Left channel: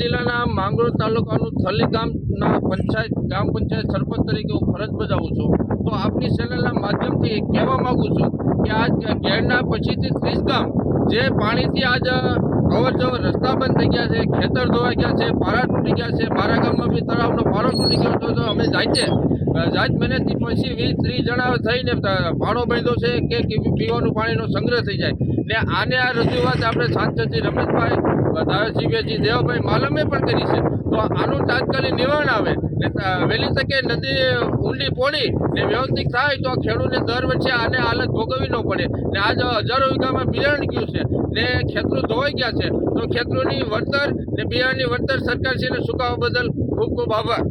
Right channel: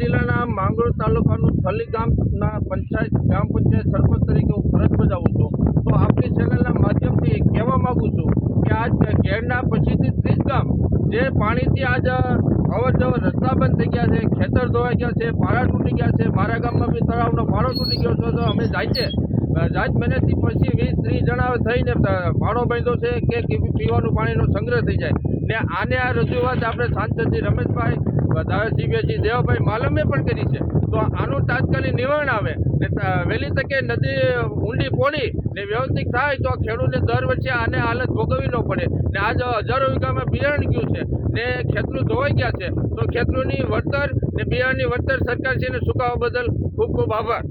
જિલ્લાના માંગરોળ તાલુકાનું થલી ગામના ગ્રામ પંચાયત સરપંચ તરીકે હું ફરજ બજાવું છું. તો આપની ચેનલના માધ્યમથી કહેવા માગું છું કે આજ ઘેરના પછીથી 30 ગામ જે પાણીથી આજ અવર જવર રસ્તા બંધ થઈ ગયા છે, ખેતર ધોવાઈ ગયા છે, પારા તૂટી ગયા છે. મારા ગામમાં બી તળાવનો પારો તૂટી ગયો હતો. તો અમે જાત મહેનતથી પછી 20-30 જણા થઈને પાડો બાંધ્યો છે કે પીવાનું પાણીનો સંગ્રહ થઈ જાય ને આને આ રજૂઆત આપણે સાંસદજી રમેશભાઈ, ધારાસભ્યજી દેવાભાઈ માલમે પણ કરી છે. તો આનું તાત્કાલિક નિવારણ આવે ને વહેલી તકે નદી ઊંડી પોડી ને વ્યવસ્થિત થાય તો ખેડૂતને દર વર્ષે આને હાલત ભોગવવી ન પડે. ને આજ હજારો વીઘામાં બિયારણ ગયું છે ને ખેતરો ધોવાઈ ગયા છે. તો ખેતરોની વળતર ને બિયારણની વળતર સરકારશ્રીને ચૂકવવા બદલ ખૂબ ખૂબ આભાર.